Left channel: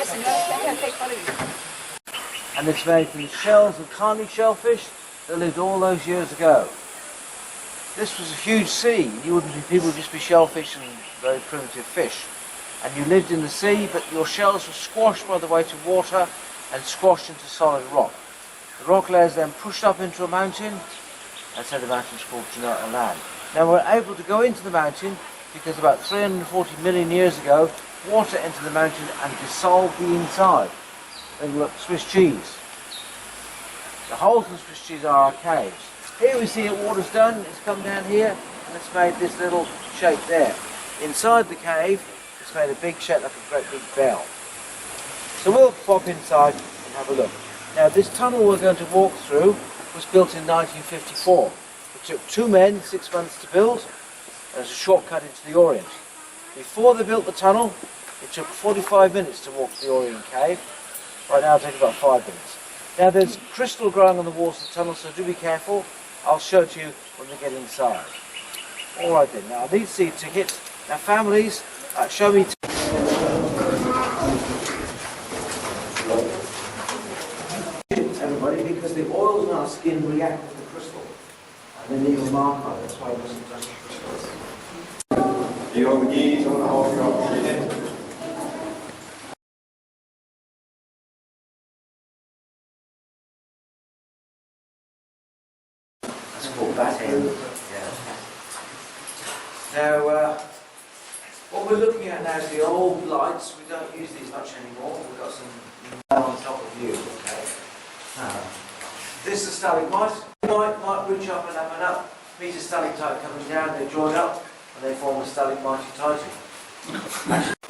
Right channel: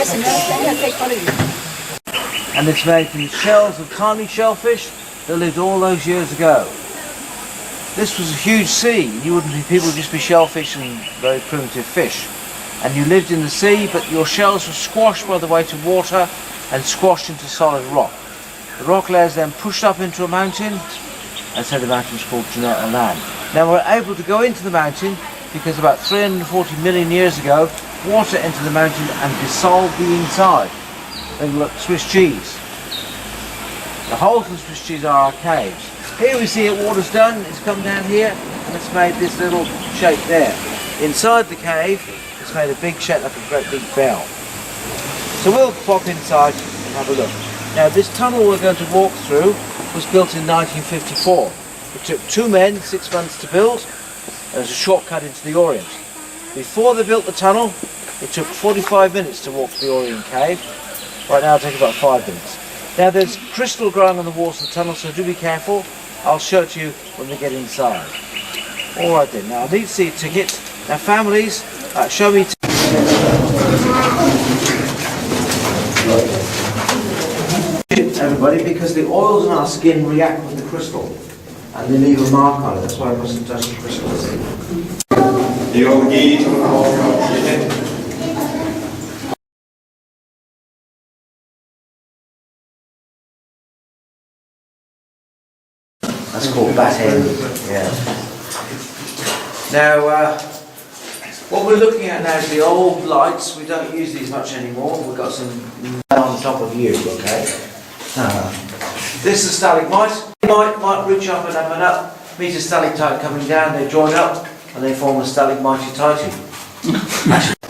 And it's made from the shells of tiny shellfish that lived all those years ago. This was a huge sea. You wouldn't be people, would just be shellfish and very primitive fish. And you lived in the sea, but your shells were squashed by the weight of water and squashed into solid rock. The rock layers then pushed up into a mountain, and so the mountain is called Jenolan. Now we're able to go into the mountain because about 340 million years ago, water entered the mountain and dissolved the inside. They look Swiss cheese. The holes in the Swiss cheese are our caves. Here we see it, water's done, it's come down here and it's made this little shape there. Inside the cave, it's made a big shape like a great big bell. So we'll pop inside and have a look. Now this tunnel we're going to walk through was built in 1954. It took 2 men 6 months to build, and it's a shortcut into the Orient. Before they built the tunnel, it took 45 minutes to walk to the Orient cave. Right now it'll take about 5 minutes. Now there's crystal growing on the walls of the tunnel, so do be careful. I'll show it to you when we get inside. Alright then, now I need to see a ticket. Now families, show me everybody, because the oils in our skin react with the crystal and they leave a mark on it. That's why I mustn't touch the crystals. That's called bat end. Yeah. Now, what we're looking at now is the old lights. We don't use these much anymore. We've got some on top of you, okay? This is stalagmite. They might reach up and up, meet a stalactite coming down, they join up and they form a stalagmitite.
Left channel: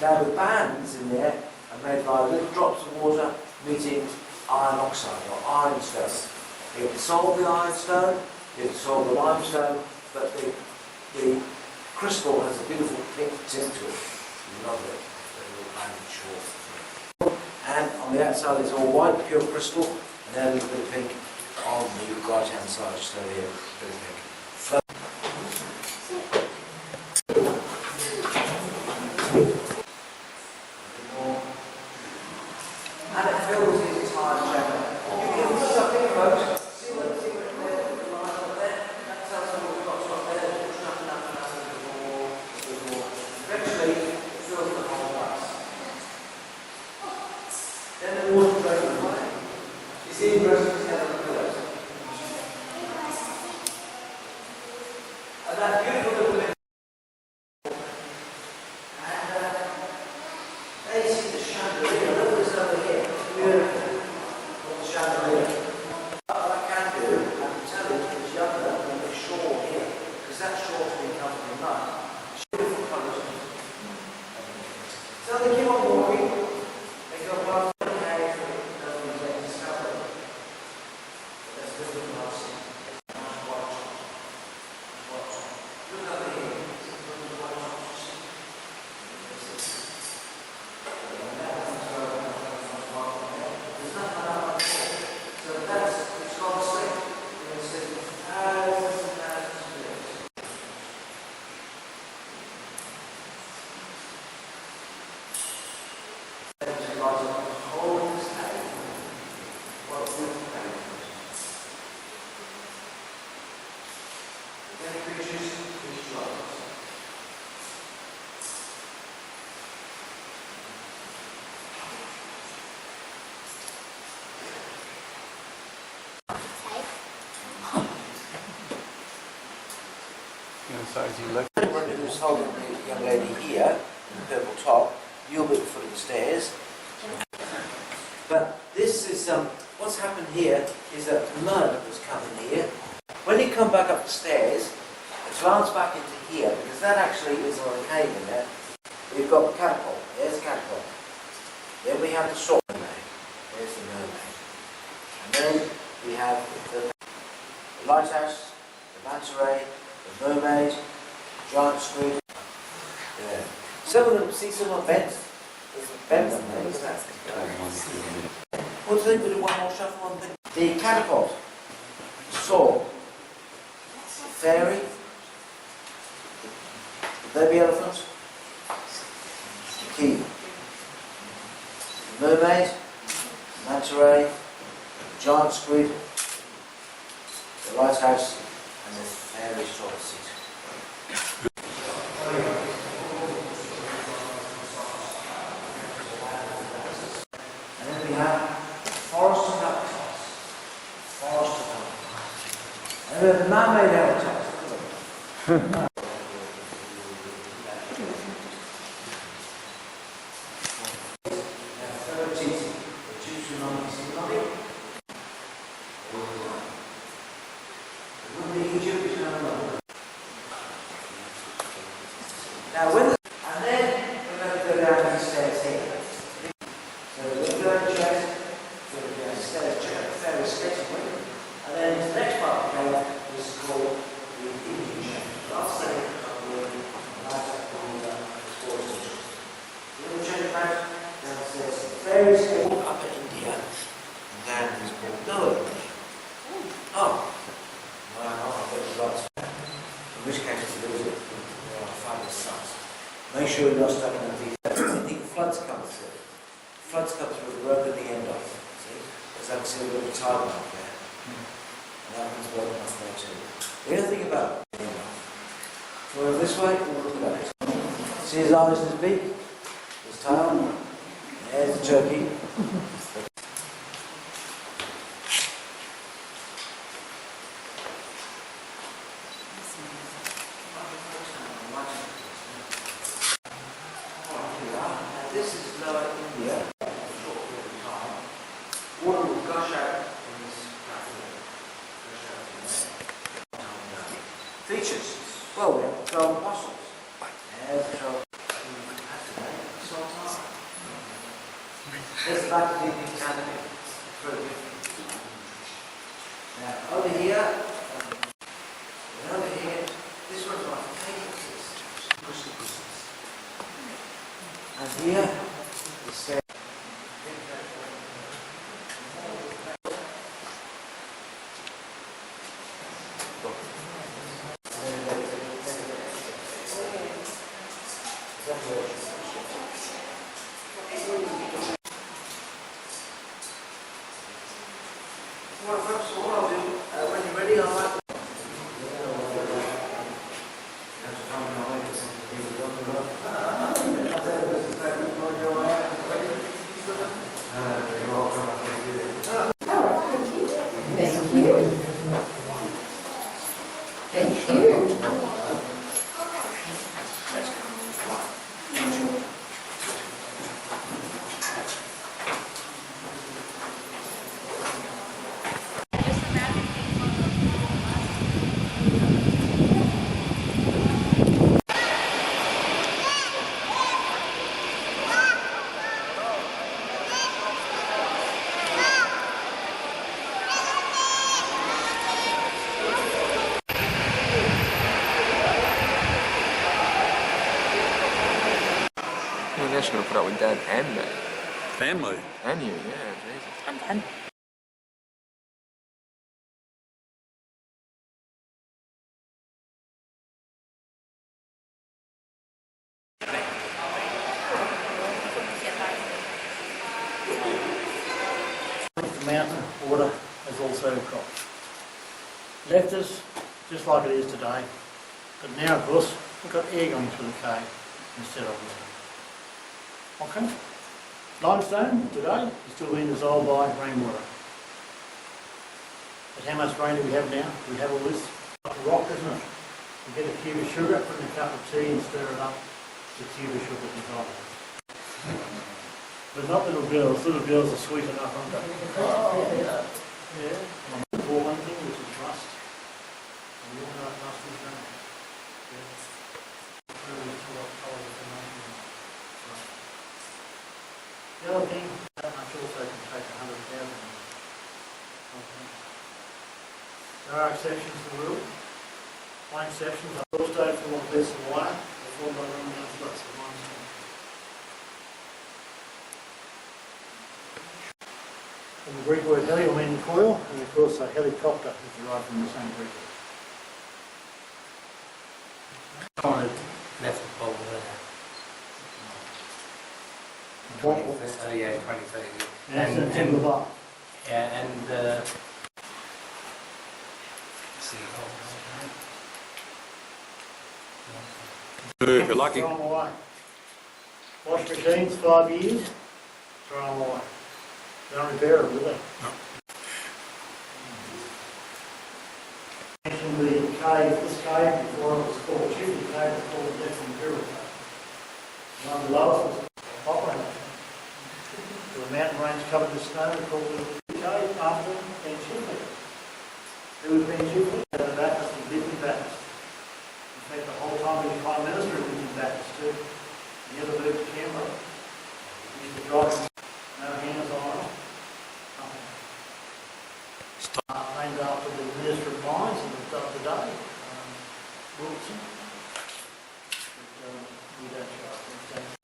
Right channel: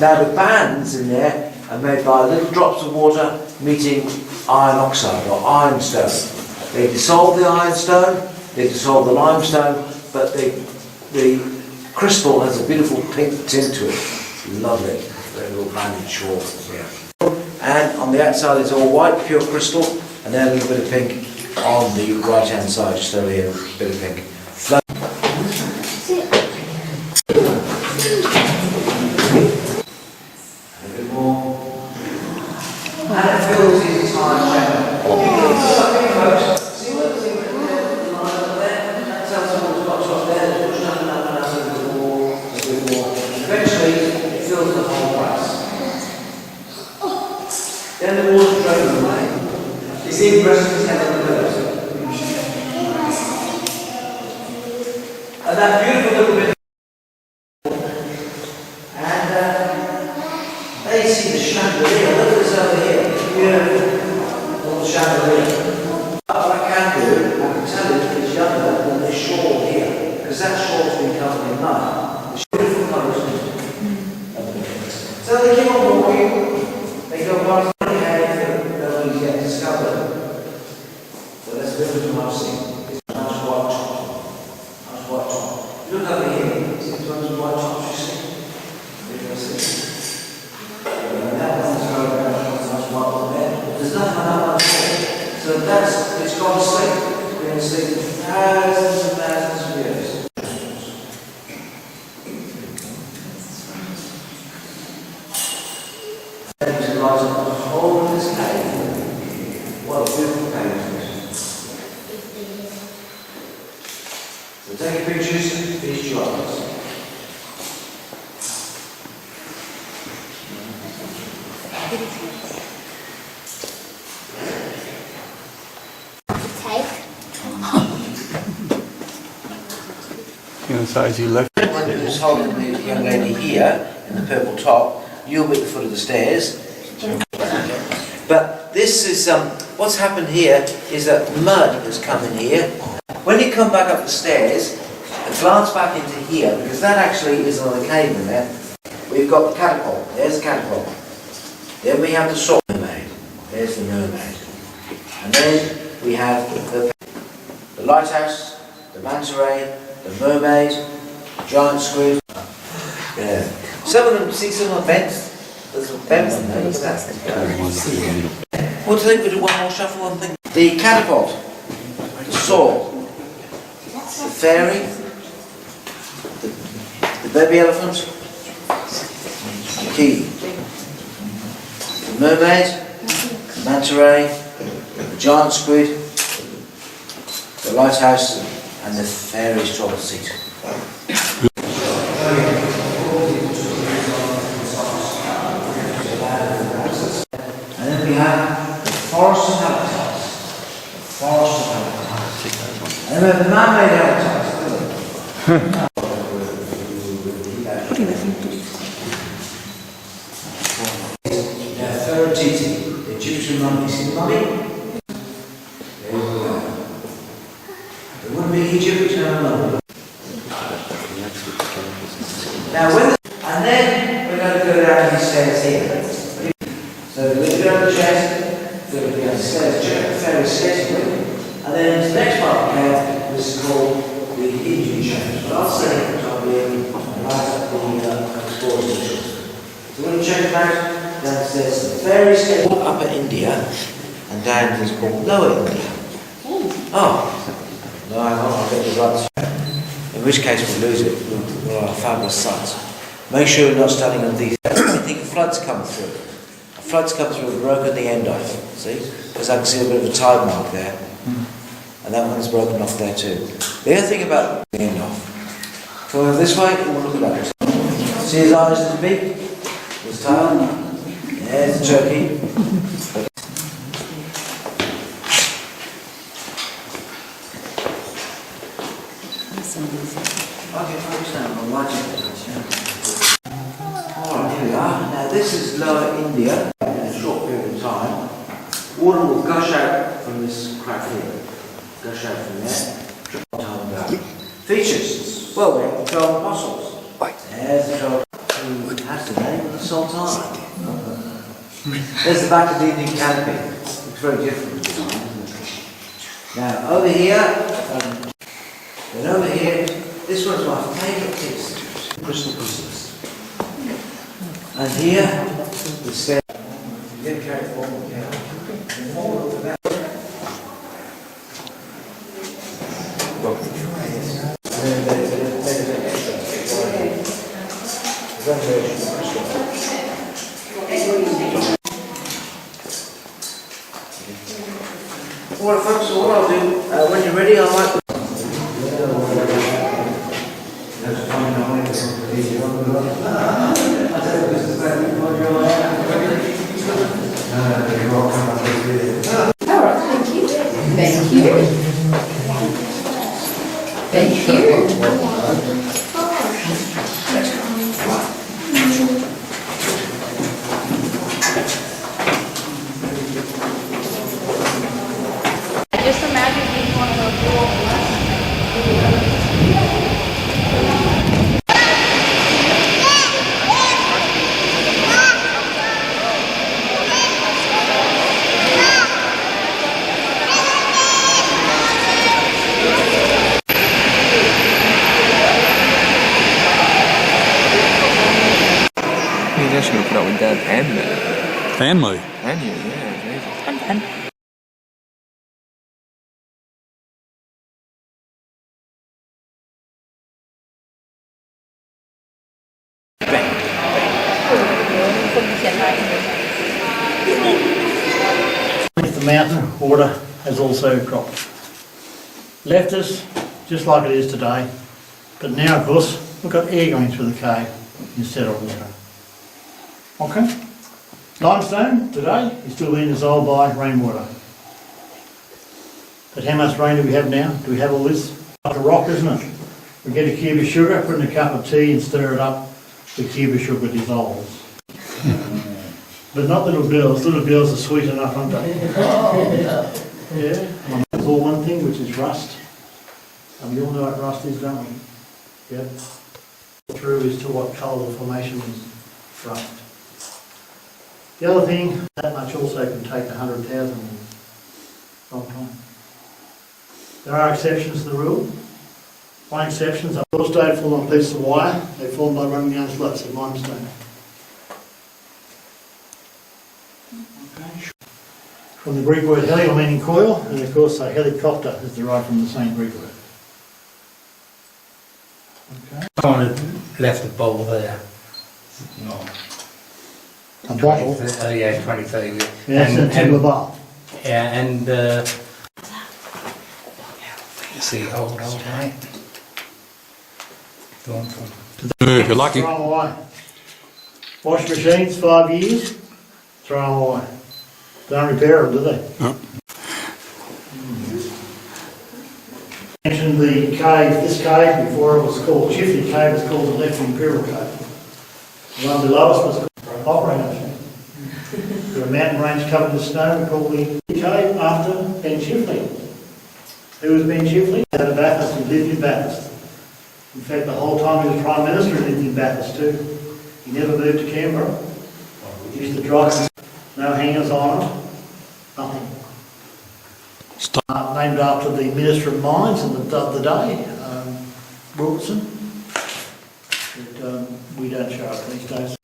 Now the bands in there are made by little drops of water meeting iron oxide or ironstone. They dissolve the ironstone, they dissolve the limestone, but the crystal has a beautiful pink tint to it. Lovely. Very little banded short here. And on the outside it's all white, pure crystal, and then a little bit of pink on the right hand side, just over here, a bit of pink. A bit more. And it fills the entire chamber. Folks, see what the line up there? That tells us what's got up there. Push up and up and up a bit more, a bit more. Eventually it fills the whole place. Then the water drains away. You see the rest of his head on the pillows. And that beautiful little bit. And they see the chandelier. Look at this over here. Beautiful little chandelier. What I can do, I can tell you it's younger than this shawl here. Because that shawl's been covered in mud. It's beautiful colours. So they keep on walking. They go past. Take pictures, finish your eyes. Size you left. Who's holding the young lady here in the purple top, you'll be at the foot of the stairs. But this is, what's happened here is that mud has come in here. When you come back up the stairs, glance back into here, because that actually is another cave in there. We've got the catapult. There's the catapult. Then we have the sword mermaid. There's the mermaid. And then we have the lighthouse, the manta ray, the mermaid, the giant squid. Yeah. Some of them, see some of the beds? There's some beds in there. Look at that. What do you think? We do one more shuffle and think. The catapult, the sword, the fairy, the baby elephant, the key, the the mermaid, the manta ray, the giant squid, the lighthouse, and the fairy straw seat. And then we have the forest of habitats. The forest of habitats. And then we have the man-made habitats. Nefertiti, the Egyptian mummy. See the mummy? There we go. It wouldn't be Egypt without a mummy. Now, and then we're going to go down these stairs here. So we're going to go down the chest, we're going to go down the stairs, check out the fairy skating with, and then the next part of the cave is called the Indian chambers. But I'll say it because I'll be right up the explorers and children. So we're going to check it out. Downstairs, the fairy skating walk Upper India, and down is called Lower India. Oh, no, I'm not. I'll get the right. In which case we'll lose it. We're on a fabulous site. Make sure you're not standing on these. I think a flood's come through. A flood's come through and broken the end off. See? Because I can see a bit of a tide mark there. And that one's broken off there too. The other thing about the end off. Go this way and we'll look at that. See his eyes and his beak? His tail? There's the turkey. Alright, here we are. Now this is Lower India. In a short period of time, water will gush out from this crack here. Gush out from there. Time down. Features. Well, we have the 12 apostles. There's the 12. Who has the name of the Sultan? There's the back of the Indian canopy. It's very different design. Now over here, and over here, this one's my favourite piece. Crystal crystals. And here, the stair. Well, folks, what I'll do, when you're ready, I'll like to... Thank you. Thank you. Just imagine being one of those little He's actually going to put up with Dad and me. And me. And you, yeah, Jesus. I'm done. The mountain water has also dropped. Left us just like it is today, but now of course we've got air going through the cave instead of water. Okay? Limestone today is still being dissolved by rainwater. But how much rain do we have now? Do we have all this? Like a rock, isn't it? We get a cube of sugar, put in a cup of tea and stir it up, the cube of sugar dissolves. But not little girls. Little girls are sweet enough, aren't they? Yeah. I call one thing, which is rust. And you all know what rust is, don't we? Yeah. Through is to what colour the formation is rust. The other thing, that much also can take 100,000 years. Long time. There are exceptions to the rule. One exception is a little stone full of pieces of wire. They're formed by running down slots of limestone. From the Greek word heli, meaning coil, and of course a helicopter is derived from the same Greek word. Okay. Someone had left the bowl there. A bottle? Yeah, 20, 30 years. Yeah, And- that's in the bar. Yeah, and see, old, right? Go on, If you're lucky. Throw them away. Wash machines, 5 years, throw them away. Don't repair them, do they? No. Mentioned the cave, this cave, before it was called Chifley Cave, it's called the Left Imperial Cave. The one below us was an operating machine. There were mountain range covered with snow, we call the cave after Ben Chifley. Who was Ben Chifley? He had a Bathurst, he lived in Bathurst. In fact, the whole time he was Prime Minister, he lived in Bathurst too. He never moved to Canberra. He used to drive, no hangers on it, nothing. Named after the Minister of Mines of the day, Wilson. But we don't show it these days.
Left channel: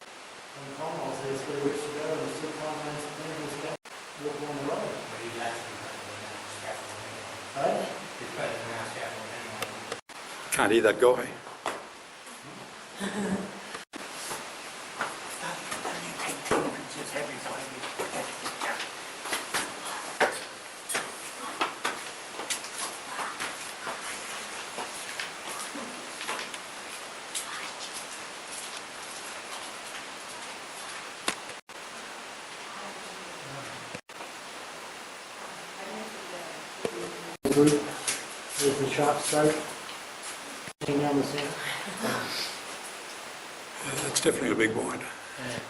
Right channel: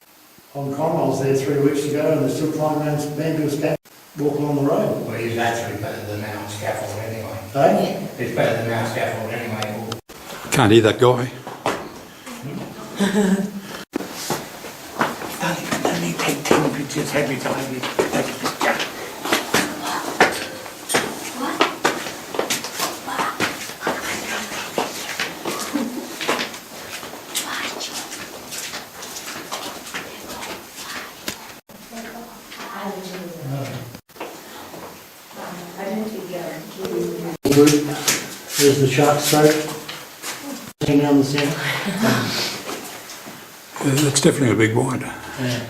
Hong Kong, I was there 3 weeks ago and they're still trying to man to his back, walking on the road. Well, he's actually better than our scaffold anyway. Hey? He's better than our scaffold anyway. Can't hear that guy. Only take 10 pictures every time you take a picture. There's the shark throat, hanging down the centre. That's definitely a big wide. Yeah.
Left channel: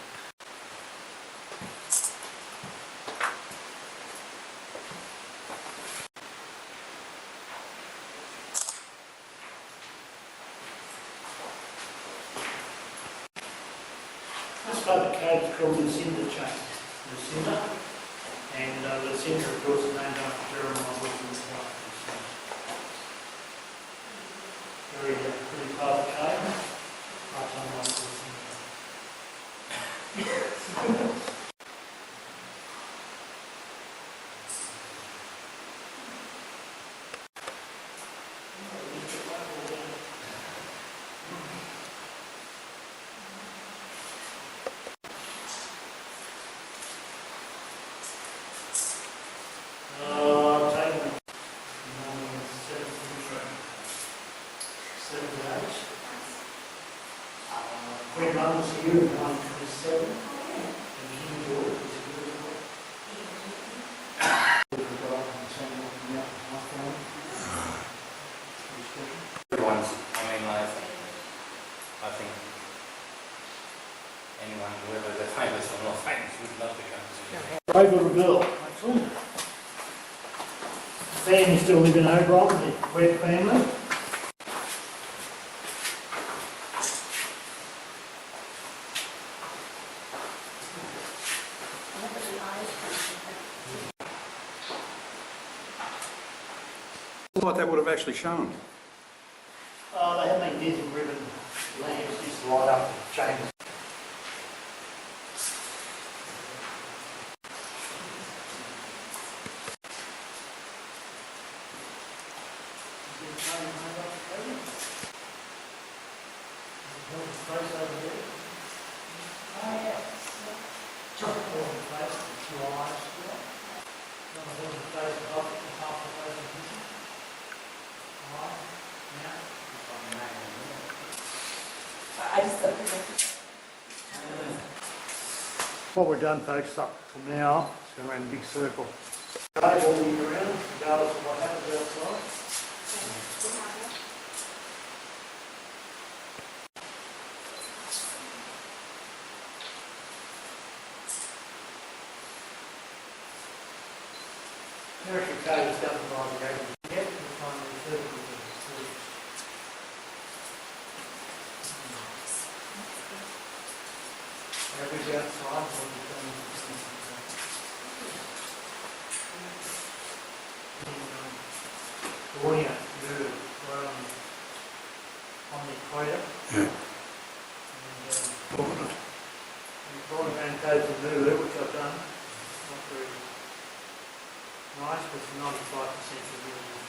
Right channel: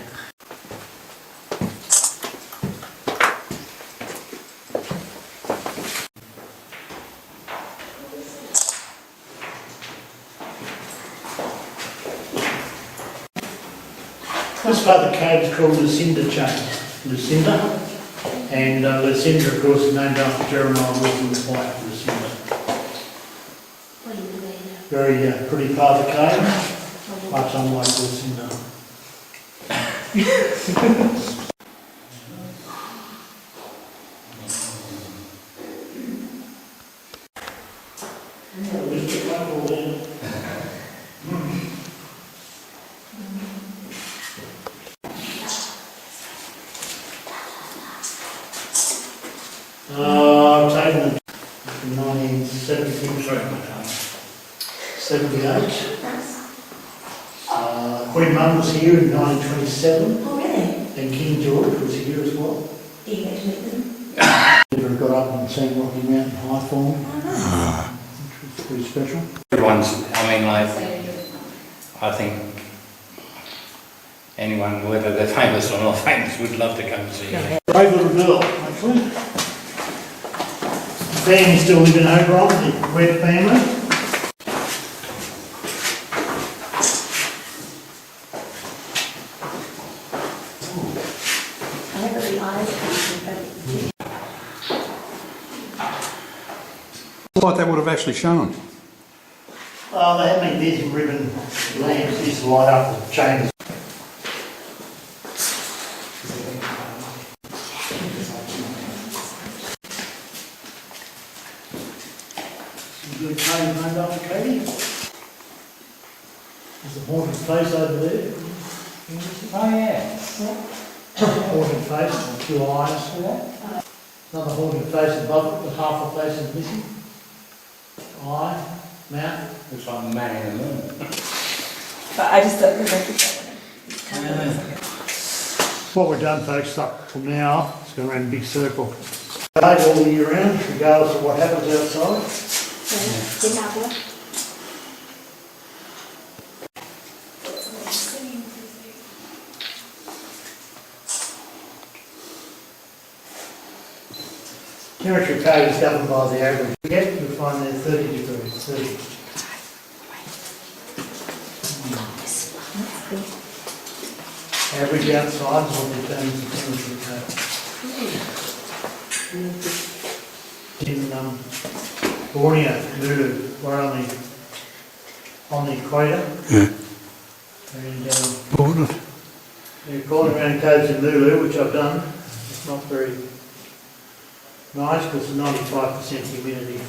This part of the cave is called Lucinda Chain. Lucinda. And Lucinda, of course, is named after Jeremiah Wilson's wife, Lucinda. Very pretty part of the cave, much unlike Lucinda. I've taken it from 1978. Queen Mum was here in 1927. And King George was here as well. Never got up and sang Rocky Mountain High for him. It's pretty special. Everyone's, I mean, like, I think anyone, whether they're famous or not famous, would love to come and see you. Brave little girl, actually. The family still live in Oberon, the Webb family. What that would have actually shown. They have magnesium ribbon lamps used to light up the chambers. Some good cave named after Katie. There's a haunted face over there. Oh, yeah. Haunted face and 2 eyes. Another haunted face above it, the half the face is missing. Eye, mouth. Looks like the man in the moon. But I just don't remember that. What we've done, folks, up from now, it's going around a big circle. All year round, regardless of what happens outside. Temperature code is governed by the average. Yet we find there 30 degrees, 30. Average outside is what determines the temperature code. In Orient, we're on the equator. Yeah. And Important. we're calling around codes in Lulu, which I've done. It's not very nice because it's 95% humidity.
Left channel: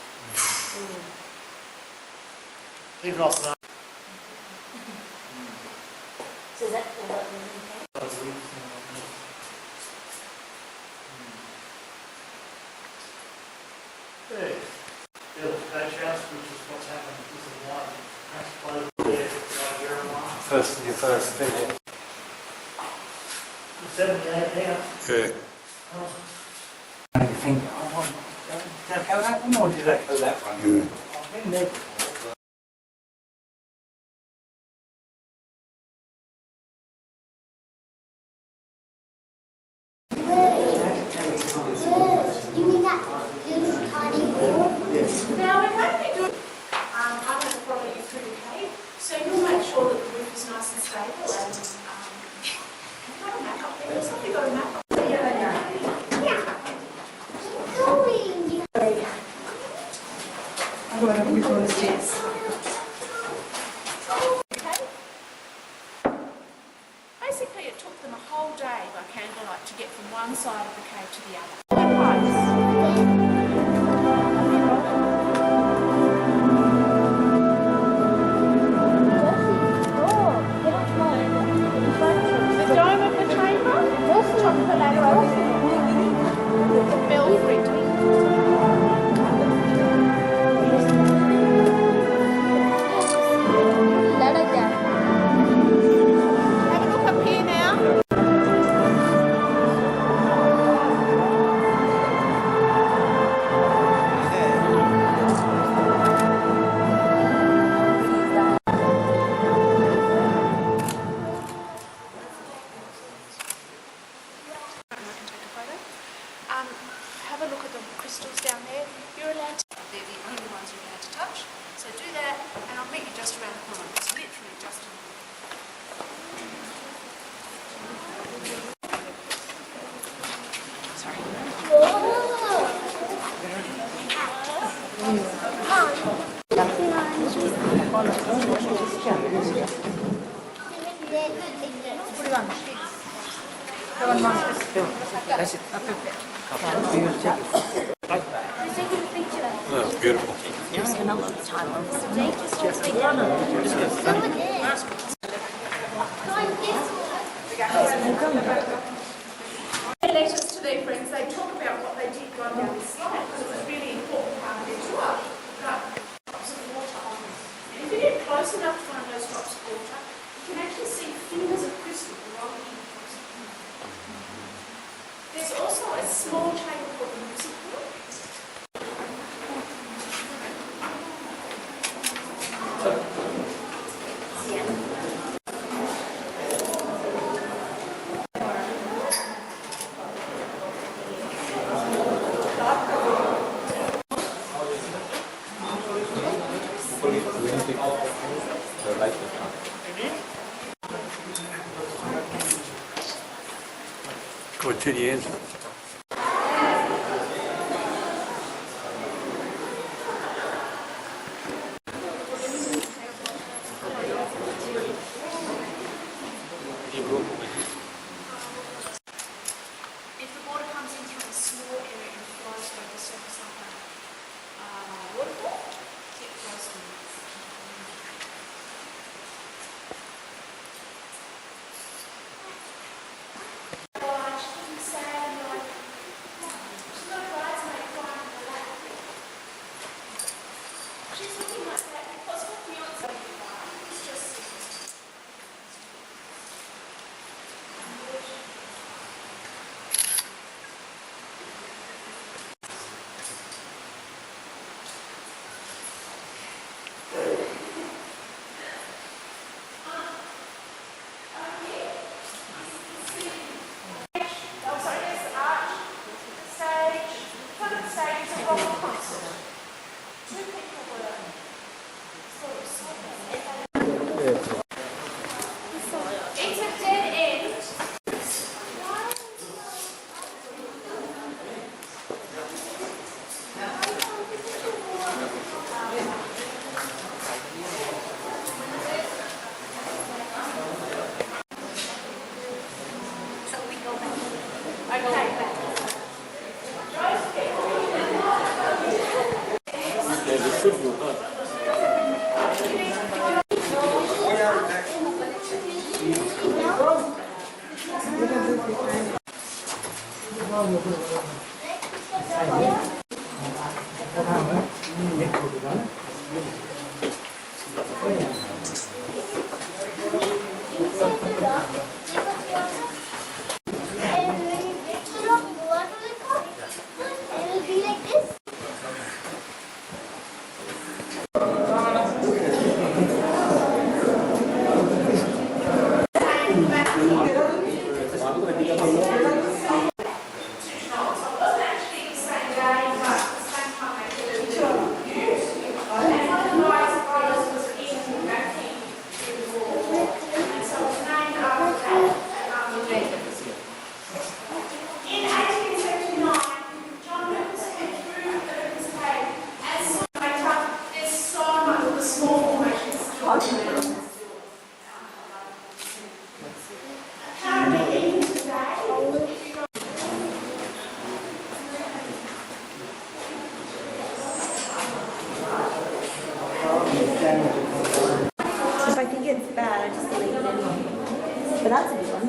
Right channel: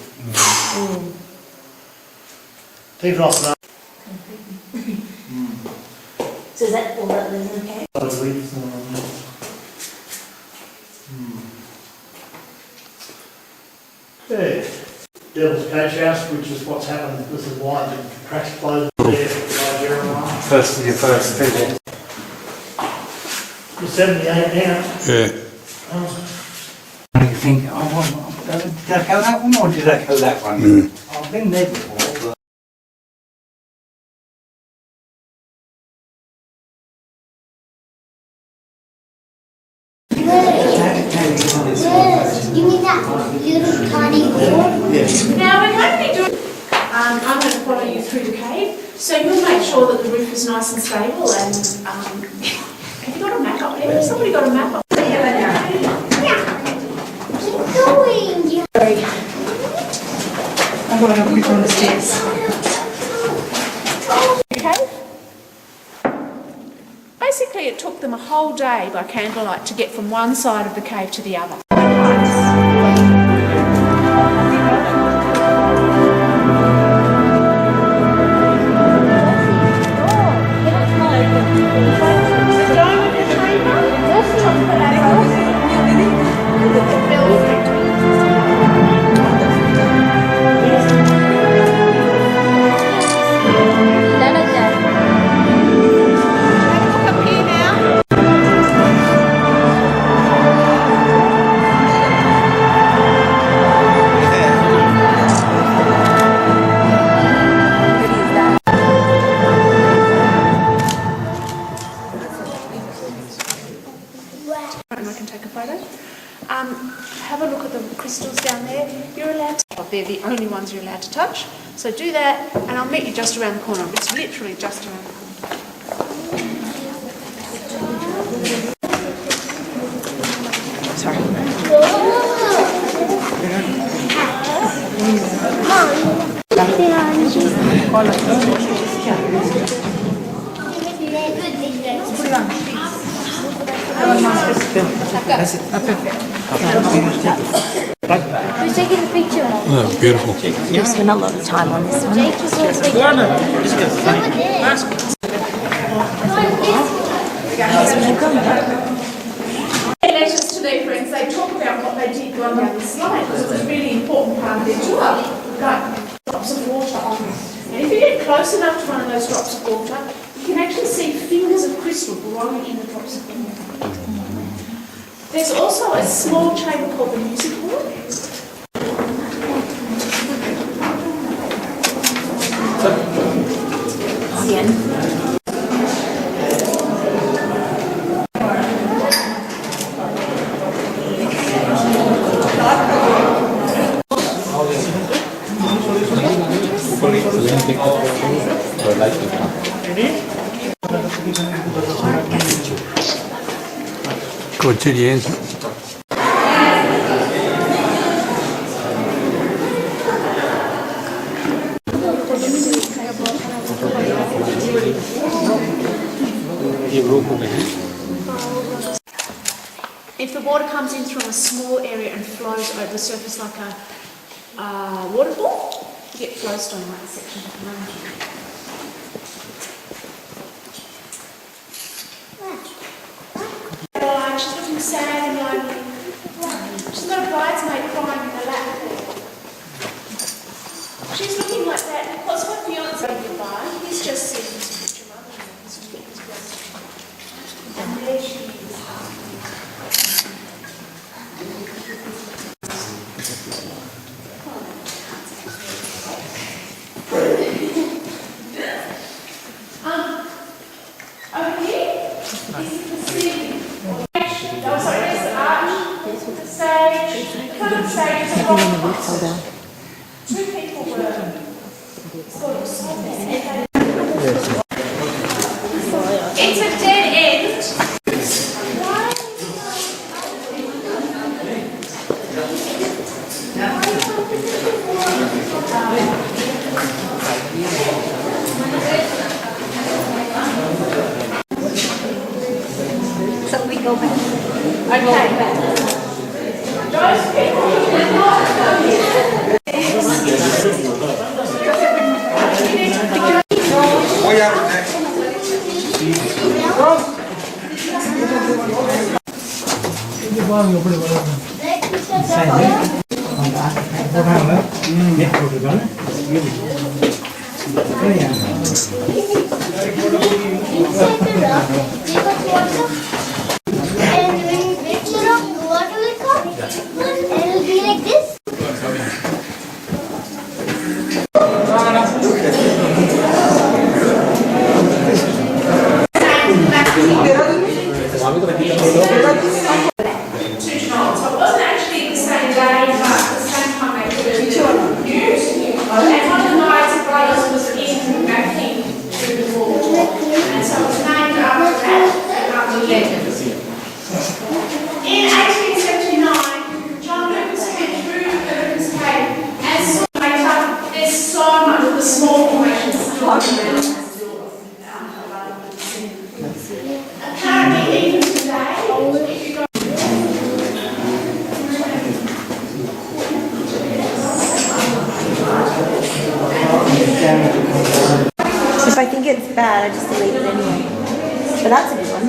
Even off the So is that all that lives in the cave? Yeah. Devil's Patch House, which is what's happened. This is why the cracks closed there by Jenolan. First, your first visit. The 78 now. Yeah. And you think, oh, well, did I go that one or did I go that one? I've been there before, but... You mean that little tiny hole? Now we're going to be doing, I'm going to follow you through the cave, so you'll make sure that the roof is nice and stable and, have you got a map up there? Has somebody got a map up there? Yeah. Keep going. I'm going to have a look on the stairs. Okay? Basically, it took them a whole day by candlelight to get from one side of the cave to the other. The dome of the chamber, top of the ladder, the belfry. Have a look up here now. And I can take a photo. Have a look at the crystals down there. You're allowed to, they're the only ones you're allowed to touch. So do that, and I'll meet you just around the corner. It's literally just around the corner. Who's taking the picture? Oh, that's beautiful. You've spent a lot of time on this one. Letters to their friends, they talk about what they did going down the slide because it's a really important part of their tour. Like drops of water on them. And if you get close enough to one of those drops of water, you can actually see fingers of crystal growing in the drops of water. There's also a small chamber called the music hall. Good to the end. If the water comes in from a small area and flows over the surface like a waterfall, you get flowstone in that section of the mountain. She's looking sad and lonely. She's got a bridesmaid crying in her lap. She's looking like that because her fiance goodbye. He's just sitting in his picture up and his feet is blessed. And there she is. Over here, this is the ceiling. Oh, sorry, there's the arch, the stage. In front of the stage is a rock concert. Two people were sort of sobbing. It's a dead end. Okay. And when mixture of the water will come, and it'll be like this. So it wasn't actually the same day, but the same time they were used. And one of the nights, brothers was in backing through the wall. And so it was named after that, after legend. In 1879, John Lucas went through the Lucas Cave and saw later there's so much of the small formations still around. Apparently, even today, if you go If I think it's bad, I just leave it anyway. But that's a good one.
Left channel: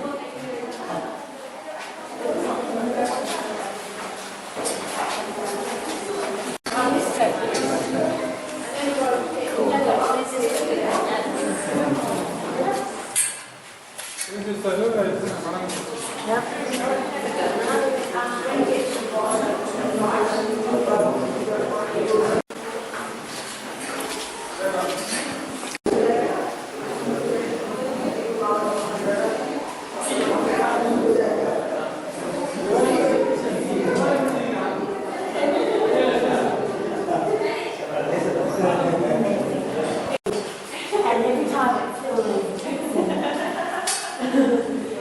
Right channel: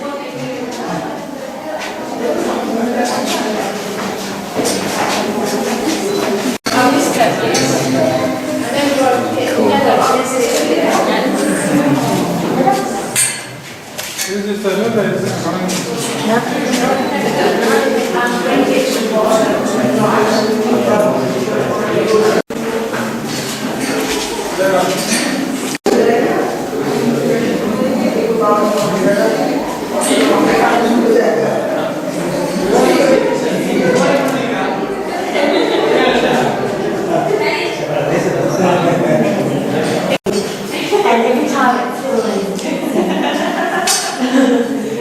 And every time it's still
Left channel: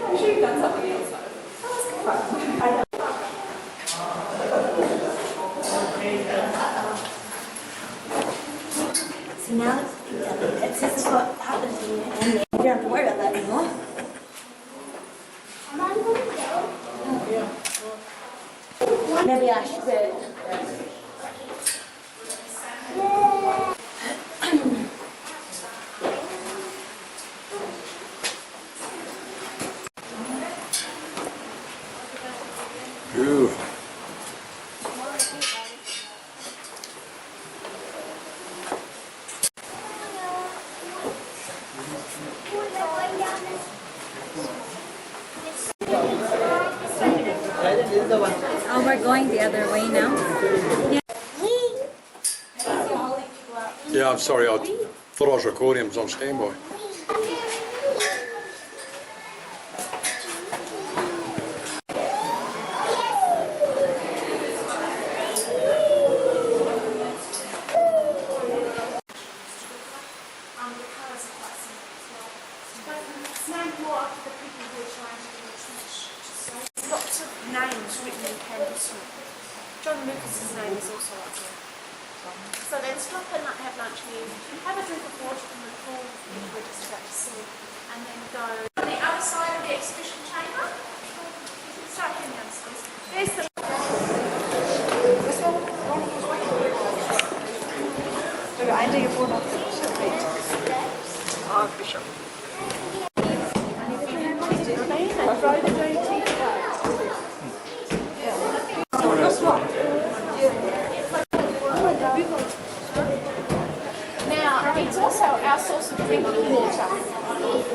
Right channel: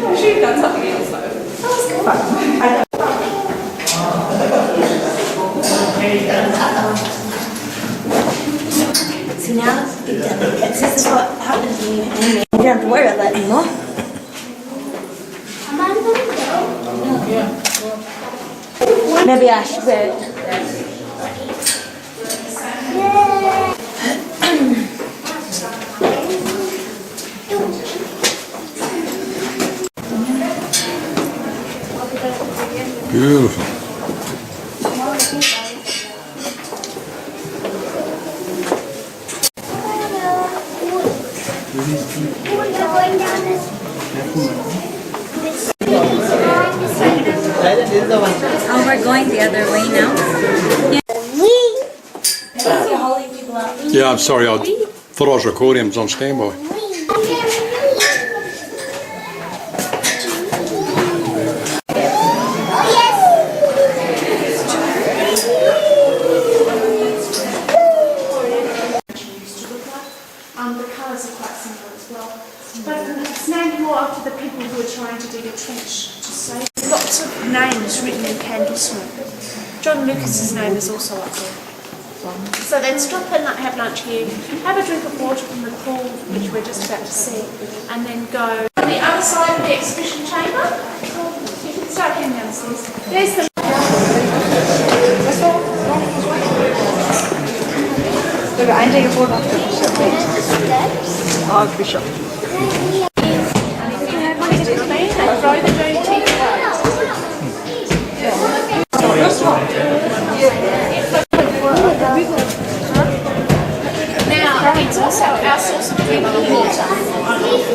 I'm sure you've done something else though. I know. So now this is what happens when you animate. You don't have to worry about that anymore. Am I going to go? Maybe I should wear it. Beautiful. Oh, we're going the other way now. Yeah, I'm sorry. I thought I was recording. I was on standby. The colours are quite simple as well. But it's named more after the people who were trying to dig a trench to save. Lots of names written in candle smoke. John Lucas's name is also up there. So then stop and have lunch here, have a drink of water from the pool, which we're just about to see, and then go to the other side of the exhibition chamber. You can start heading downstairs. There's the and if you want it to clean, they throw the dirty teeth away. Now, it's also our source of drinking water.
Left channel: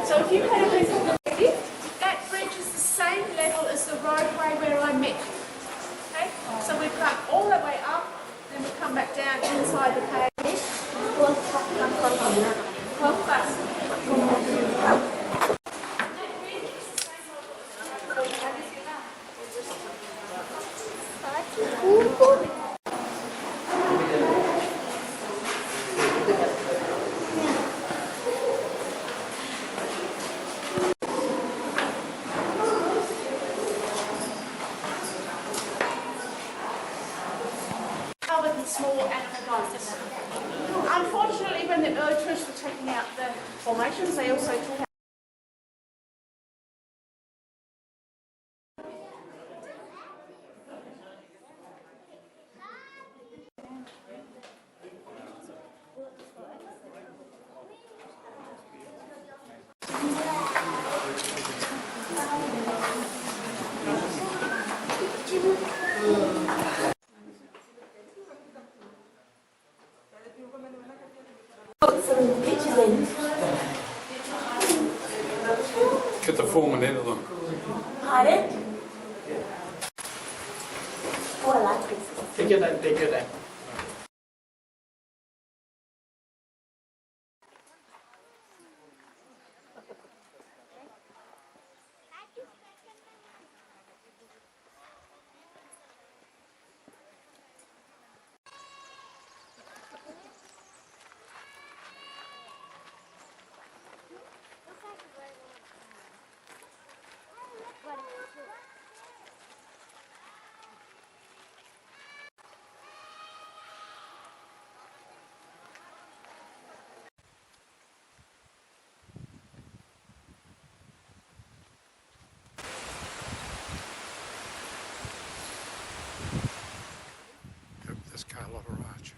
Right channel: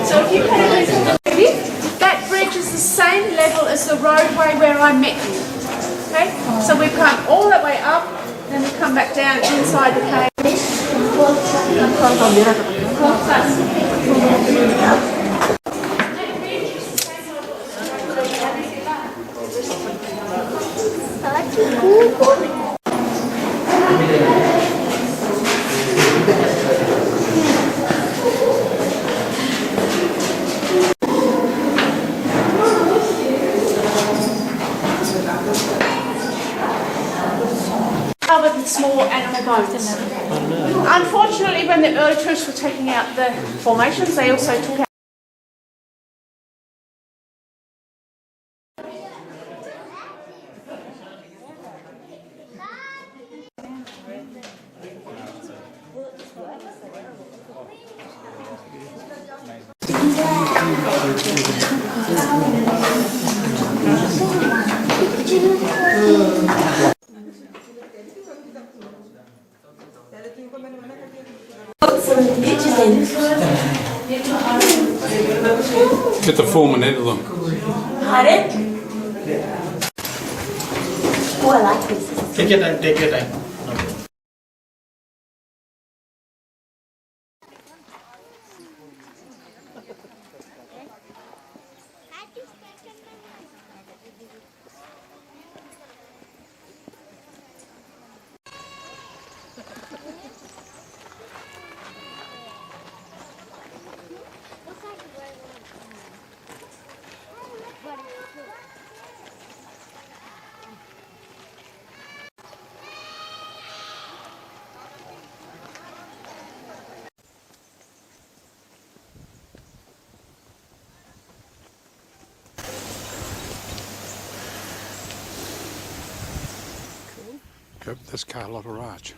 So if you had a drink of the bridge, that bridge is the same level as the roadway where I met you. Okay? So we come all the way up, then we come back down inside the cave. Covered with small animal bones. Unfortunately, when the early tourists were taking out the formations, they also took out Some pictures in. Get the foreman into them. Pardon? Oh, I like this. Take your time, take your time. Yep, that's Carlotta Arch.